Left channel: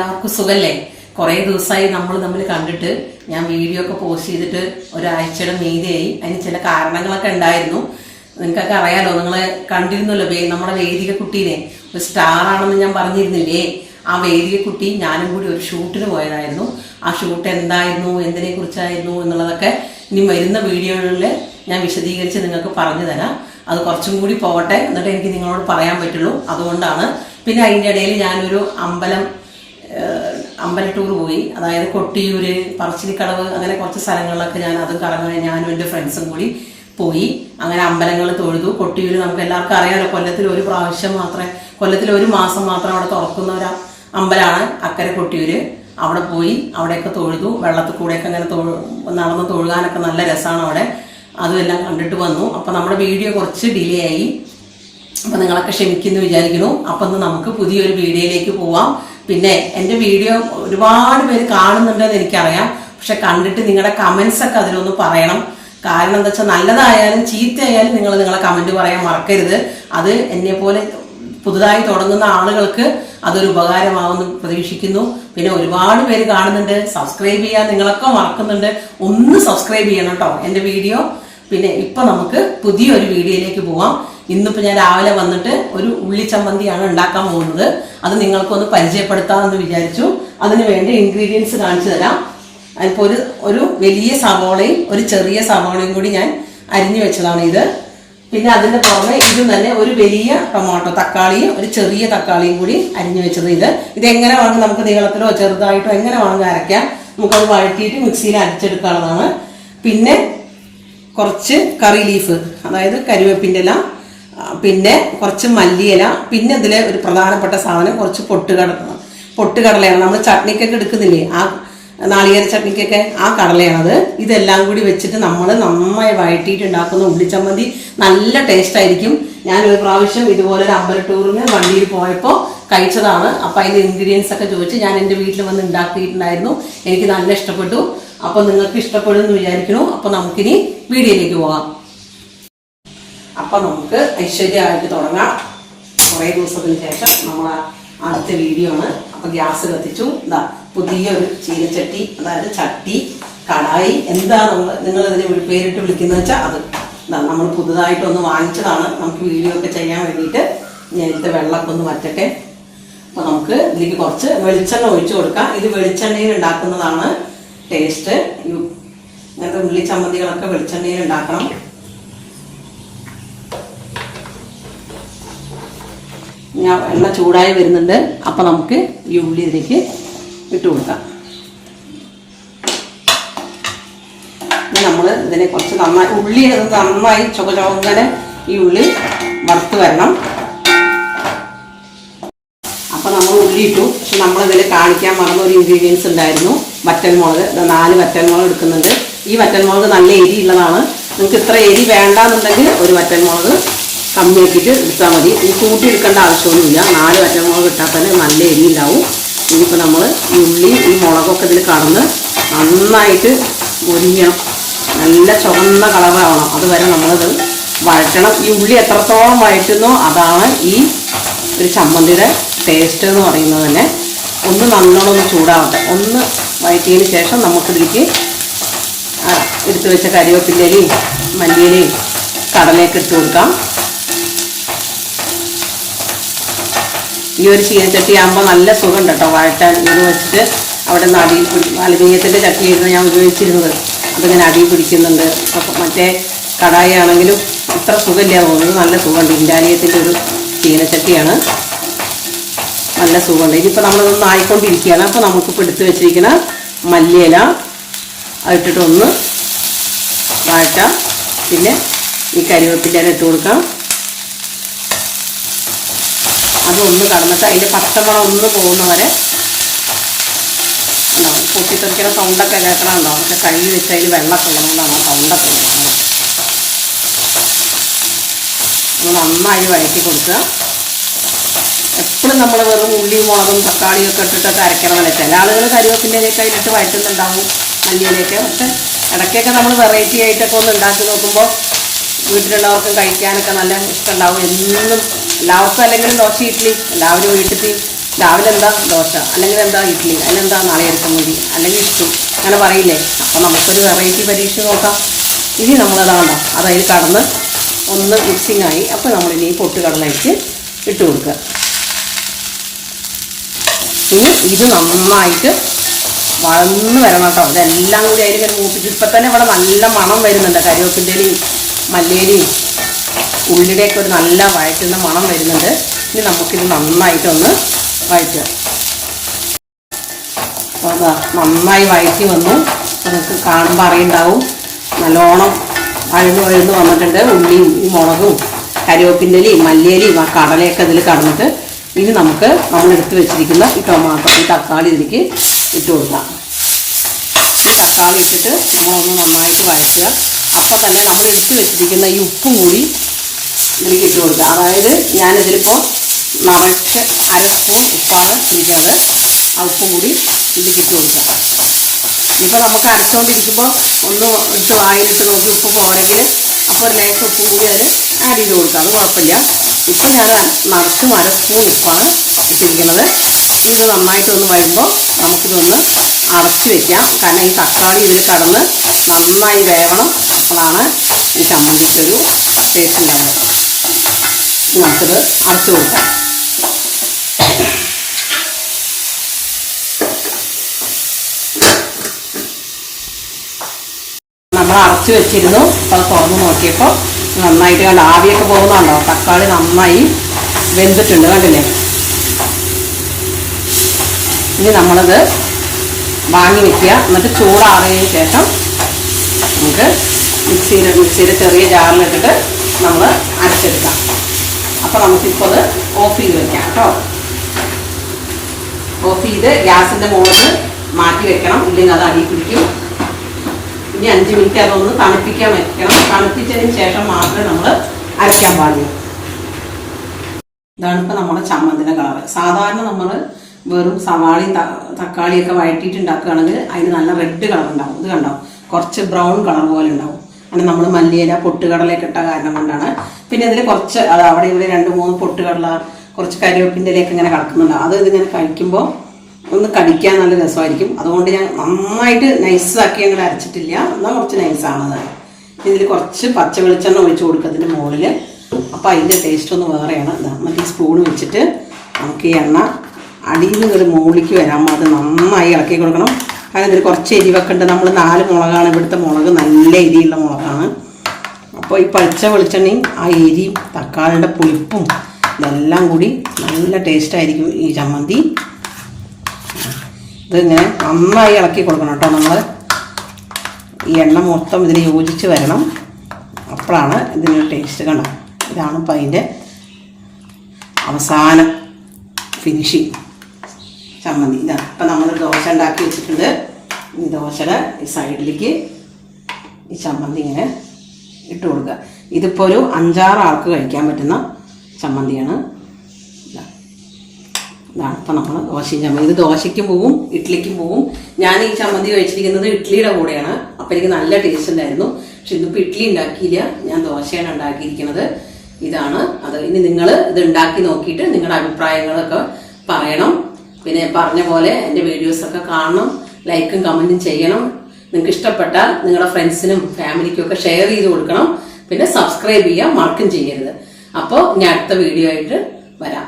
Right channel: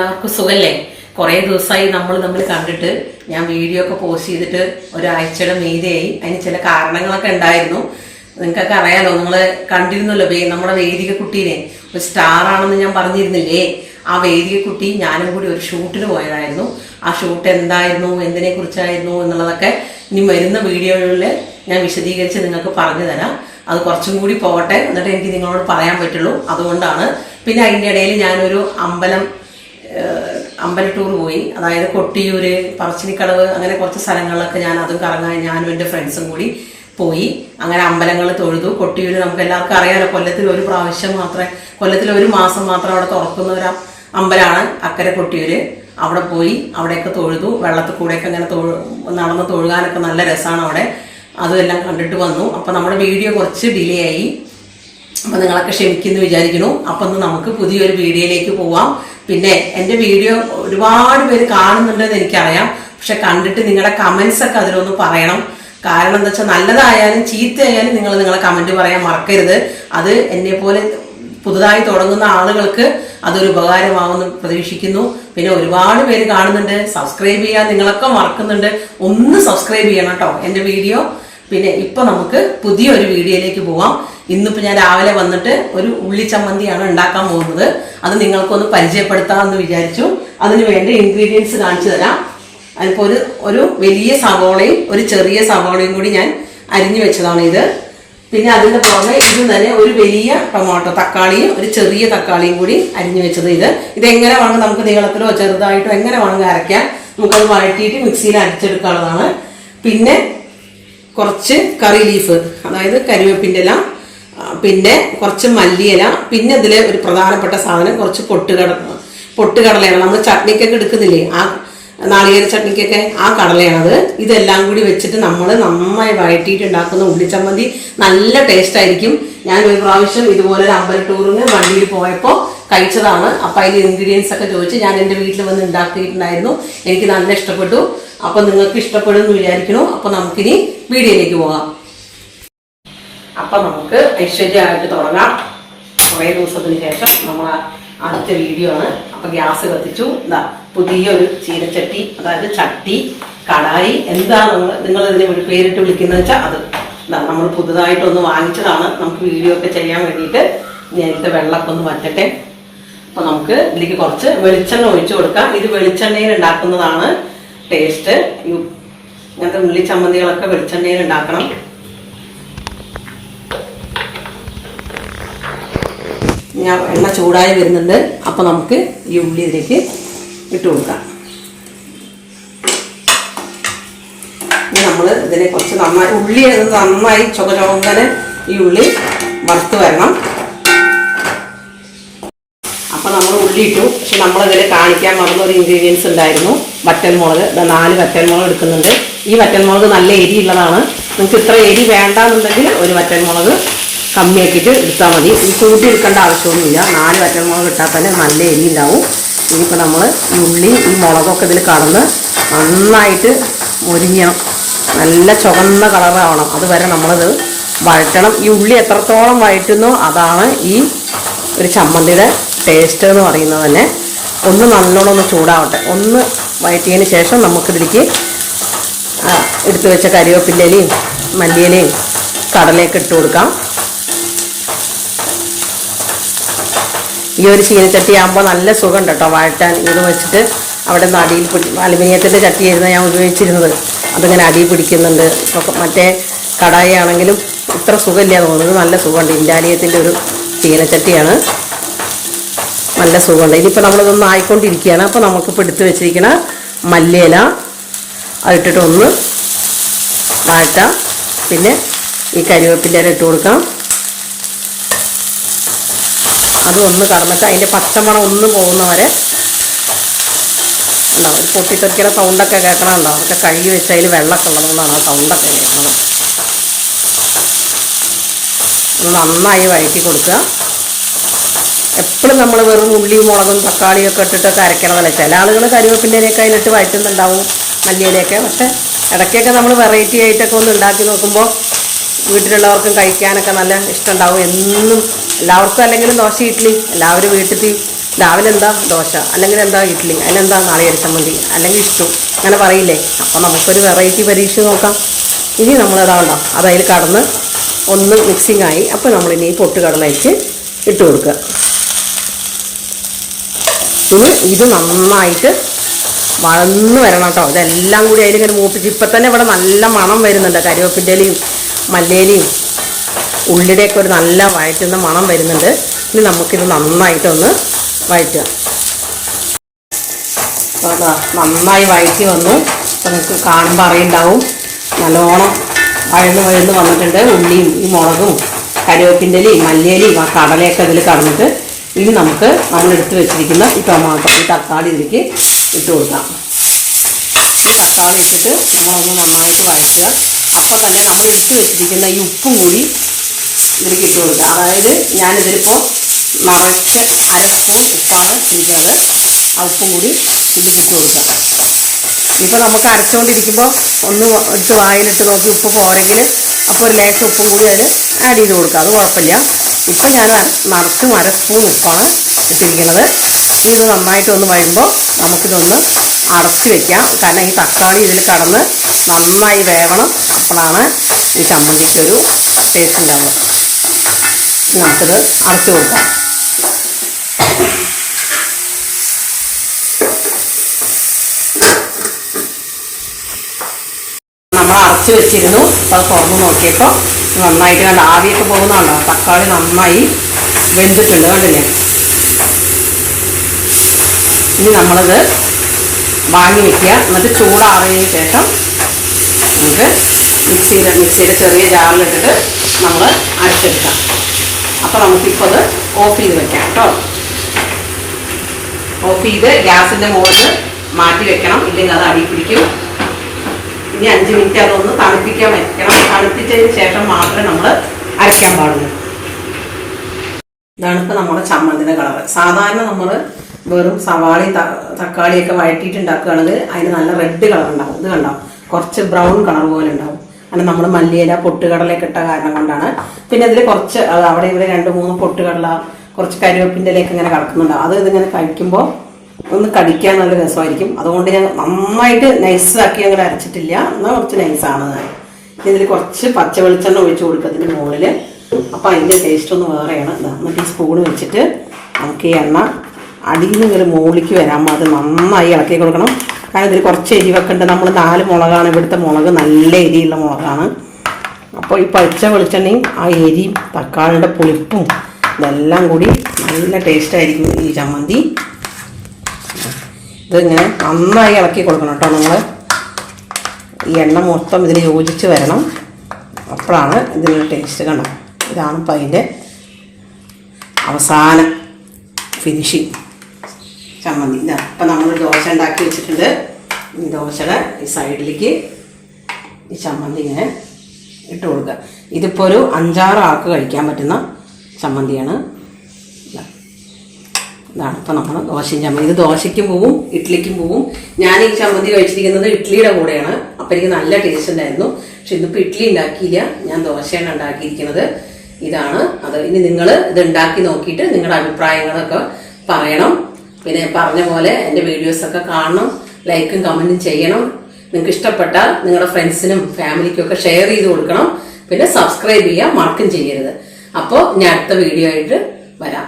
എല്ലാവർക്കും സുഖല്ലേ? കുറേ ദിവസമായി നമ്മൾ തമ്മിൽ കണ്ടിട്ട്. ഞാൻ വീഡിയോ ഒക്കെ പോസ്റ്റ് ചെയ്തിട്ട് ഒരാഴ്ചയുടെ മീതെയായി. അതിന് ചില കാരണങ്ങളൊക്കെ ഉണ്ടായിരുന്നു. നിങ്ങൾക്കൊക്കെ അറിയാലോ, നിങ്ങൾ കണ്ടിരുന്നല്ലോ നമ്മുടെ വേദിക കുട്ടീനെ. ഒരു സ്റ്റാർ ആണെന്ന് ഞാൻ പറഞ്ഞിരുന്നില്ലേ? ആ വേദിക കുട്ടി ഞാനും കൂടി ഒരു ഷൂട്ടിന് പോയതായിരുന്നു. ആ ഷൂട്ട് എന്തായിരുന്നു, എന്തിനെ കുറിച്ചായിരുന്നു എന്നുള്ളതൊക്കെ ഇനി വരുന്ന വീഡിയോകളിൽ ഞാൻ വിശദീകരിച്ച് നിങ്ങൾക്ക് പറഞ്ഞു തരാം. അത് കുറച്ചും കൂടി പോകട്ടെ, എന്നിട്ട് എനിക്ക് നിങ്ങളോട് പറയാൻ പറ്റുള്ളൂ. അതുകൊണ്ടാണ്. പിന്നെ അതിൻ്റെ ഇടയിൽ ഞാനൊരു അമ്പല ടൂർ പോയി. അതായത് കൊട്ടിയൂര്, പറശ്ശിനിക്കടവ്, അങ്ങനെ കുറച്ച് സ്ഥലങ്ങളിലൊക്കെ ഞാൻ അതും കറങ്ങാൻ ഞാനും എൻ്റെ ഫ്രണ്ട്സും കൂടി പോയി. അങ്ങനെ അമ്പലങ്ങൾ തൊഴുതു. കൊട്ടിയൂര് നമുക്ക് എല്ലാവർക്കും അറിയാലോ, കൊല്ലത്തിൽ ഒരു പ്രാവശ്യം മാത്രമേ, കൊല്ലത്തിൽ ഒരു മാസം മാത്രം അവിടെ തുറക്കുന്ന ഒരു അമ്പലമാണ് അക്കരെ കൊട്ടിയൂര്. അവിടെ പോയി അവിടെയൊക്കെ തൊഴുതു. വെള്ളത്തിൽ കൂടെയൊക്കെ അങ്ങനെ നടന്ന് തൊഴുകാനൊക്കെ നല്ല രസമാണ് അവിടെ. അതുമെല്ലാം കണ്ടിട്ട് വന്നു. അപ്പം നമ്മുടെ വീഡിയോ കുറച്ച് ഡിലേ ആയി. അപ്പം നിങ്ങളൊക്കെ ക്ഷമിക്കുന്നു വിചാരിക്കുന്നു. അപ്പം നമുക്ക് പുതിയൊരു വീഡിയോയിലേക്ക് പോവാം. പിന്നെ എൻ്റെ വീഡിയോ ഒരുപാട് പേര് കാണുന്നുണ്ടെന്ന് എനിക്കറിയാം. പക്ഷെ കണ്ടിട്ട് നിങ്ങളുടെ കമൻസ് ഒക്കെ അതിലൊന്ന് പറയണം. കാരണം എന്താ വെച്ചാൽ നല്ലതായാലും ചീത്തയായാലും നിങ്ങളെ കമൻറ്റ് പറയാൻ മറക്കരുത്. അത് എന്നെ പോലെ പുതുതായി തുടങ്ങുന്ന ആളുകൾക്ക് അതൊരു ഉപകാരമാവുമെന്ന് പ്രതീക്ഷിക്കുന്നു. പിന്നെ ഒരുപാട് പേര് കാണുന്നുണ്ട്, സബ്സ്ക്രൈബ് ചെയ്യാൻ നിങ്ങളൊക്കെ മറക്കുന്നുണ്ട്. ഒന്ന് സബ്സ്ക്രൈബ് ചെയ്യണം കേട്ടോ എൻ്റെ വീഡിയോ. പിന്നെ ഇപ്പൊ നമുക്ക് പുതിയൊരു വീഡിയോയിലേക്ക് പോവാം. ഇന്നിപ്പോൾ ഞാൻ രാവിലെ വന്നിട്ട് ഒരു ഉള്ളി ചമ്മന്തിയാണ് ഉണ്ടാക്കാൻ പോകുന്നത്. അത് നിങ്ങൾക്കൊന്ന് പരിചയപ്പെടുത്താമെന്ന് വിചാരിച്ചു. അതിന് വേണ്ട ഇൻഗ്രീഡിയൻസ് കാണിച്ചു തരാം. അതിപ്പോൾ ഒരു വലിയ സവോളയും ഒരു ചെറിയ സവോളയും കൂടി ഞാൻ അരിഞ്ഞു വെച്ചതാണ് ഇത്. പിന്നെ അതിൻ്റെ പുറമെ ഇത് തന്നെ ഒരു വലിയ ടൊമാറ്റോ, തക്കാളിയും ഒരു ചെറിയ തക്കാളിയും കൂടി അരിഞ്ഞു വെച്ചത്. ഇതെങ്ങനെ വേണമെങ്കിൽ നമുക്ക് നീളത്തിലോ ചെറുതായിട്ടോ എങ്ങനെ വേണമെങ്കിൽ അരയ്ക്കാം. നമുക്കത് വഴറ്റിയിട്ട് മിക്സിയിൽ അരച്ചെടുക്കാനുള്ളതാണ്. പിന്നെ കുറച്ച് കറി ലീഫ്, അതായത് കരിവേപ്പിൻ്റെ ഇല, പിന്നെ കുറച്ച് മല്ലിയില, പിന്നെ ഇതിൽ ഒരു പ്രധാനപ്പെട്ട സാധനം കുറച്ച് പൊട്ടുകടലയാണ്. നമ്മൾ ചട്നിക്കൊക്കെ എടുക്കുന്നില്ലേ, ആ നാളികേര ചട്നിക്കൊക്കെ ആ കടലയാണത്. ഇതെല്ലാം കൂടി വെച്ചിട്ട് നമ്മൾ നന്നായി വഴറ്റിയിട്ട് ഉണ്ടാക്കുന്ന ഉള്ളിച്ചമ്മന്തി നല്ല ടേസ്റ്റ് ആയിരിക്കും. ഞാൻ ഒരു പ്രാവശ്യം ഇതുപോലെ ഒരു അമ്പല ടൂറിന് വണ്ടിയിൽ പോയപ്പോൾ കഴിച്ചതാണ്. അപ്പം അതിൻ്റെ ഇൻഗ്രീഡിയൻസ് ഒക്കെ ചോദിച്ച് ഞാൻ എൻ്റെ വീട്ടിൽ വന്ന് ഉണ്ടാക്കിയിട്ടുണ്ടായിരുന്നു. എനിക്ക് നല്ല ഇഷ്ടപ്പെട്ടു. അപ്പം നിങ്ങൾക്ക് ഇഷ്ടപ്പെടുമെന്ന് വിചാരിക്കുന്നു. അപ്പം നമുക്കിനി വീഡിയോയിലേക്ക് പോകാം. അപ്പം നമുക്ക് ഐശ്വര്യമായിട്ട് തുടങ്ങാം. കുറേ ദിവസത്തിന് ശേഷം നമ്മൾ ആദ്യത്തെ വീഡിയോ ആണ്. അപ്പം ഗ്യാസ് കത്തിച്ചു. പുതിയൊരു ചീനച്ചട്ടി, അതായത് ചട്ടി, കടായി, എന്താ നിങ്ങൾ ഇതിനെ പേരിട്ട് വിളിക്കുന്നത് വെച്ചാൽ അത് നമ്മൾ പുതുതായിട്ടൊന്ന് വാങ്ങിച്ചതാണ്. നമുക്ക് വീഡിയോ ഒക്കെ ചെയ്യാൻ വേണ്ടിയിട്ട്. നേരത്തെ വെള്ളമൊക്കെ ഒന്ന് വറ്റട്ടെ. അപ്പം നമുക്ക് ഇതിലേക്ക് കുറച്ച് വെളിച്ചെണ്ണ ഒഴിച്ചു കൊടുക്കാം. ഇത് വെളിച്ചെണ്ണയിൽ ഉണ്ടാക്കുന്നതാണ് ടേസ്റ്റ്. ഇങ്ങനത്തെ ഉള്ളി ചമ്മന്തികളൊക്കെ വെളിച്ചെണ്ണയിൽ ഉണ്ടാക്കണം. ഞാൻ എണ്ണ ചൂടായി വരുന്നുണ്ട്. അപ്പം നമുക്ക് ഈ ഉള്ളി ഇതിലേക്ക് ഇട്ട് കൊടുക്കാം. നമ്മൾ ഇതിനെ കുറച്ച് നന്നായി ഉള്ളി നന്നായി ചുവങ്ങനെ ഈ ഉള്ളി വറുത്ത് വരണം. അപ്പം നമ്മൾ ഉള്ളി ഇട്ടു. പക്ഷെ നമ്മളിതിൽ കാണിക്കാൻ മറന്ന ഒരു ഇൻഗ്രീഡിയൻസ് ഉണ്ടായിരുന്നു, വറ്റൽമുളക്. 4 വറ്റൽമുളക് എടുക്കുന്നുണ്ട്. ഈ വറ്റൽമുളക് നല്ല എരിയുള്ളതാണ്. നിങ്ങൾക്ക് ഇത്ര എരി വേണ്ടാന്നുണ്ടെങ്കിൽ ഒരു വറ്റൽമുളക് കമ്മിയാക്കിയിട്ട് എടുത്താൽ മതി. ഇത് കൂട്ടി എടുക്കേണ്ട ആവശ്യമൊന്നുമില്ല. 4 വറ്റൽമുളക് ഇട്ടാൽ തന്നെ നല്ല എരി ഉണ്ടാവും. ഇനിയിപ്പോൾ നമ്മൾ ഈ ഉള്ളി ഈ മുളകൊക്കെ ഇതിൽ കടന്ന് നന്നായിട്ട് മുരിഞ്ഞണം. നല്ല ചുവന്ന കളറാവണം. അതുവരെ നമ്മളിത് വഴറ്റണം. ഈ ഉള്ളി എത്രത്തോളം വഴറ്റുന്നോ അതാണ് ഈ ഒരു ചമ്മന്തിയുടെ ടേസ്റ്റ് എന്ന് പറയുന്നത് തന്നെ. ഒന്ന് നല്ലോണം ഒന്ന് ചൂടാവട്ടെ. ഒന്ന് വഴറ്റിയതിന് ശേഷം നമുക്കിതിലേക്ക് എടുത്തു വെച്ച കരിവേപ്പിലയും മല്ലിയിലയും കടലയൊക്കെ ഇട്ട് കൊടുക്കാം. ഈ ഒരു ചീനച്ചട്ടി ആകുമ്പോൾ നല്ല സുഖമുണ്ട് കേട്ടോ വഴറ്റാൻ. ഇത് വെച്ചിട്ട് അവിടെ നിന്ന് അടിയിൽ അലുമിനിയത്തിൻ്റെ ചട്ടിയായിരുന്നു ഞാൻ ഉപയോഗിച്ചിരുന്നത്. അതിങ്ങനെ അടിയിൽ പിടിക്കുന്നുണ്ട്. അപ്പോൾ മറ്റേ കടായി ആണെങ്കിലും ഇത്ര സുഖമില്ല തോന്നുന്നത്. നല്ല സുഖമുണ്ട്. ഇൻഡാലിയത്തിൻ്റെ ഒരു ചീനച്ചട്ടിയാണ്. നല്ല സുഖമുണ്ട്. ഇനിയിപ്പോൾ നമ്മളിതൊന്നും ആയിക്കൊണ്ടിരിക്കുകയാണ്. അപ്പോൾ നമുക്കിപ്പോൾ എടുത്ത് വെച്ചിരിക്കുന്ന മല്ലിയില അതിട്ടിട്ട് ഒന്ന് വഴറ്റാം. പിന്നെ ഈ കരിവേപ്പില ഇട്ട് കൊടുക്കാം. അതൊന്ന് കടന്നിട്ട് അതിൻ്റെ പച്ചമണം ഒന്ന് പോകുന്നവരെ ഉണ്ടാവും. പൊട്ടിത്തെറിക്കുന്ന സൗണ്ടൊക്കെ കേൾക്കണമുണ്ടോ? അതൊക്കെ കഴുകി വെച്ച് അതിൽ വെള്ളമൊക്കെ ഉള്ളതുകൊണ്ടാണ് ആ സൗണ്ടൊക്കെ ഉണ്ടാകുന്നത്. നന്നായി വഴറ്റി കൊടുക്കുക. എപ്പോഴും നമ്മൾ വെറും ഉള്ളിയും മുളകും തക്കാളിയൊക്കെ ഇട്ടിട്ടൊക്കെ അരയ്ക്കണമെന്നല്ല. ചില ആളുകൾ കരിവേപ്പിൻ്റെയൊക്കെ അതിലിട്ട് വഴറ്റുന്നുണ്ടാവും, മല്ലിയിലൊക്കെ. പക്ഷെ ഇടയ്ക്കൊക്കെ നമ്മൾ വെറൈറ്റി ആയിട്ടൊക്കെ ഒന്ന് ഉണ്ടാക്കി നോക്കുമ്പോൾ വീട്ടിലുള്ളവർക്കും കഴിക്കാനൊക്കെ നല്ല ഇഷ്ടമുണ്ടാവും. എന്നും എല്ലാവർക്കും അല്ലെങ്കിലും ദോശ ഇഡ്ഡലി എല്ലാവരും വീട്ടിൽ രാവിലെ എന്താ ദോശ, അല്ലെങ്കിൽ എന്താ ഇഡ്ഡലി, അതിലെന്താ നാളികേര ചമ്മന്തി, അല്ലെങ്കിൽ ഇഷ്ടം, അങ്ങനെ പറയില്ലേ. അപ്പോൾ നമുക്കൊരു വെറൈറ്റി പരീക്ഷ നോക്കാം. ഇനി നമ്മളതാണോ അതിൽ കടന്ന് ഒന്ന് മിക്സിങ് ആയി. അപ്പോൾ നമ്മളിനി പൊട്ടുകടലയ്ക്ക് ഇട്ട് കൊടുക്കുക. ഇനി ഇത് നന്നായിട്ട് വളർന്ന് വരണം കേട്ടോ. ഇതെല്ലാം കൂടി അതിലിങ്ങനെ മൂപ്പിച്ച് ഇപ്പം തന്നെ ഇവിടെ നല്ല മണം വരുന്നുണ്ട്. കരിവേപ്പിൻ്റെലയും മല്ലിയിലയും ഉള്ളിയുടെയൊക്കെ ഒരു നല്ല വഴറ്റുന്ന മണം വരുന്നുണ്ട്. ഇനി നമുക്കിത് നന്നായിട്ടൊന്ന് വഴറ്റുക. അപ്പോൾ അതാ നന്നായി വഴറ്റി വന്നു. നമുക്ക് കാണുമ്പോൾ അറിയുണ്ടാവും നല്ലോണം വഴന്ന് വന്നിട്ടുണ്ട്. ഉള്ളിയും ഈ മുളകും കരിവേപ്പിൻ്റെലയും മല്ലിയിലയും ആ കടലയൊക്കെ ഇതിൽ കടന്നിട്ട് ഇനി നമുക്ക് നമ്മളെടുത്ത് വെച്ചിരിക്കുന്ന ഈ ടൊമാറ്റോ, ഈ തക്കാളി ഇതിലേക്ക് ഇട്ട് കൊടുക്കാം. ഈ തക്കാളി ഇട്ടിട്ട് നമ്മളൊന്ന് നന്നായിട്ട് വഴറ്റുക. അപ്പോൾ തന്നെ നമ്മൾ എടുത്ത് വെച്ചിരിക്കുന്ന ഈ ഉപ്പും കൂടി ഇതിലേക്ക് ഇട്ട് കൊടുക്കുക. അതായത് ഞാനിതിലിപ്പോൾ നിറച്ച് 1/2 സ്പൂൺ ഉപ്പാണ് ഇരിക്കുന്നത്. ആ ഉപ്പും കൂടി ഇതിലേക്ക് ഇട്ട് കൊടുക്കുക. ഇപ്പോൾ നമുക്ക് അരച്ചുകൊണ്ടിരിക്കുമ്പോൾ ഒന്ന് എടുത്ത് വായിലിട്ട് നോക്കി ഉപ്പ് പോരെങ്കിൽ അപ്പോൾ ഒരു ലേശം ഉപ്പും കൂടി അതിൽ ആഡ് ചെയ്ത് കൊടുക്കുക. അത് കുഴപ്പമില്ല. ഇപ്പം ഞാൻ നിറച്ചും 1/2 സ്പൂൺ ഉപ്പാണ് ഇട്ടിരിക്കുന്നത്. ഇത് നന്നായിട്ട് ഒന്ന് വരുമ്പോൾ നമുക്കിതൊന്ന് അടച്ച് വയ്ക്കാം. കാരണം ഈ തക്കാളി ഇതിൽ കടന്ന് നന്നായി വേവണം. അപ്പോഴാണ് ഈ ചമ്മന്തിക്കൊരു ടേസ്റ്റ് ഉണ്ടാവുക. നമുക്കിത് അടച്ച് കൊടുക്കാം. നമ്മൾ അടച്ച് വെച്ചിരുന്നു. അത് തുറന്ന് നോക്കിയപ്പോൾ നന്നായിട്ട് കണ്ട ആവിയൊക്കെ പോകുന്നുണ്ടോ. തക്കാളി നന്നായി വെന്തിട്ടുണ്ട്, കണ്ടില്ലേ. ഇനി നമ്മളത് വാങ്ങി വെക്കുക. എന്നിട്ട് ചൂടാറിയതിന് ശേഷം നമുക്ക് മിക്സിയുടെ ചെറിയ ജാറിലിട്ടിട്ട് നമ്മൾ അരച്ചെടുക്കാം. അപ്പോൾ നമുക്കിപ്പോൾ അത് ഓഫ് ചെയ്ത് വെക്കാം കേട്ടോ. ഓഫ് ചെയ്ത് ഗ്യാസിൻ്റെ മുകളിൽ മാറ്റി വെക്കണം, ഇല്ലെങ്കിൽ അത് അടി പിടിക്കും. ഇനി 5 മിനിറ്റ് അതൊന്ന് തണുപ്പിക്കാൻ വെക്കണം. തണുപ്പിച്ചതിന് ശേഷം മാത്രമേ നമ്മൾ അരയ്ക്കാൻ പാടുള്ളൂ. ഇതാണ് ഇപ്പോൾ നമ്മുടെ ചമ്മന്തിൻ്റെ കളറ്. സാധാരണ നമ്മൾ വെറും സവാളയും തക്കാളിയൊക്കെ വഴറ്റിയിട്ട് ഉണ്ടാക്കുകയാണെങ്കിൽ അതിന് നല്ല റെഡ് കളർ ഉണ്ടാവും. ഇത് കണ്ടോ, കുറച്ച് ബ്രൗൺ കളർ പോലെ ഉണ്ടാവും. അങ്ങനെ നമ്മൾ മല്ലിയില പൊട്ടുകടലയൊക്കെ ഇട്ട കാരണം കൊണ്ടാണ്. പിന്നെ ഇതിൽ കുറച്ച് അവിടെ ഇവിടെ 2-3 പൊട്ടുകടല, കുറച്ച് കരിവേപ്പിൻ്റെ ഇലയൊക്കെ ഇങ്ങനെ കിടക്കുന്നുണ്ടാവും. അത് ഇതിങ്ങനെ കഴിക്കുമ്പോൾ ഒന്ന് കടിക്കാൻ നല്ല രസമായിരിക്കും. അതുകൊണ്ട് ഞാൻ നന്നായിട്ട് നൈസാക്കി അങ്ങനെ അരച്ചിട്ടില്ല, എന്നാൽ കുറച്ച് നൈസാണത്. ഇതിൽ കുറച്ച് പച്ച വെളിച്ചെണ്ണ ഒഴിച്ച് കൊടുക്കുക ഇതിൻ്റെ മുകളിൽ. അപ്പോൾ അതിൻ്റെ ടേസ്റ്റ് ഒന്ന് വേറെയാണ്. മറ്റേ സ്പൂൺ വെച്ചിട്ട് നമുക്ക് ഈ എണ്ണ അടിയിൽ നിന്ന് ഒരു മുകളിലേക്ക് വരാൻ അത് നന്നായി ഇളക്കി കൊടുക്കണം. കാരണം ഇതിൽ കുറച്ച് എരിവൊക്കെ ഉണ്ട്. നമ്മൾ 4 മുളകാണ് ഇവിടുത്തെ മുളക്, നല്ല എരിയുള്ള മുളകാണ്. അപ്പോൾ ഈ പച്ച വെളിച്ചെണ്ണയും ആ എരിയും തക്കാളിയുടെ പുളിപ്പും ഇതെല്ലാം കൂടി നല്ല ടേസ്റ്റായിരിക്കും ഈ ചമ്മന്തി. ഇതിങ്ങനെ നന്നായി ഇളക്കി കൊടുക്കണം കേട്ടോ. നമ്മൾ ഈ എണ്ണ മൊത്തം ഇതിന് യോജിച്ച് വരണം. അപ്പോഴാണ് ഇതിൻ്റെ ടേസ്റ്റ്. കണ്ടോ, ഇതാണ് ഇപ്പം അതിൻ്റെ അവസാന ഫിനിഷിങ് ചമ്മന്തി. ഇതാ ഇപ്പം നമ്മൾ ദോശ ഉണ്ടാക്കി വെച്ചിട്ടുണ്ട്. ഈ ദോശയുടെ ഈ സൈഡിലേക്ക് ഈ ചമ്മന്തി ഇങ്ങനെ ഇട്ട് കൊടുക്കുക. ഇതിപ്പോൾ ഒരു 5-6 ആൾക്ക് കഴിക്കാൻ പറ്റുന്ന ചമ്മന്തിയാണ്. ഇതാണ് ഇപ്പം നമ്മൾ ദോശയും ചമ്മന്തി. ഇത് ദോശയ്ക്കും പോവും ഇഡ്ഡലിക്കും പോവും. ഞാൻ ഈ ചമ്മന്തി കഴിച്ചിരിക്കുന്നത് ഇഡ്ഡലിയുടെ കൂടെയാണ്. അപ്പം എനിക്ക് നല്ല ടേസ്റ്റ് ഉണ്ടായിരുന്നു. പക്ഷെ ഇതിപ്പോൾ ഇഡ്ഡലി ഉണ്ടാക്കിയില്ല, ഞാൻ ദോശയാണ് ഉണ്ടാക്കിയിരിക്കുന്നത്. ഇതാണ് അത്. ഇനി നിങ്ങൾ ഇത് ഉണ്ടാക്കി നോക്കിയിട്ട് നിങ്ങളുടെ അഭിപ്രായങ്ങളൊക്കെ പറയണം. പിന്നെ പറഞ്ഞ പോലെ എൻ്റെ വീഡിയോസൊക്കെ കാണണം, ലൈക്കും കമൻറ്റും ചെയ്യണം. നിങ്ങൾക്ക് ഇഷ്ടപ്പെട്ടാൽ നിങ്ങളുടെ ഫ്രണ്ട്സിനും ഫാമിലിക്കും ഒക്കെ ഷെയർ ചെയ്ത് കൊടുക്കണം. പിന്നെ സബ്സ്ക്രൈബ് ചെയ്യാൻ മറക്കും ചെയ്യരുത്. അപ്പോൾ ഞാൻ അടുത്ത വീഡിയോ ആയിട്ട് വരാം.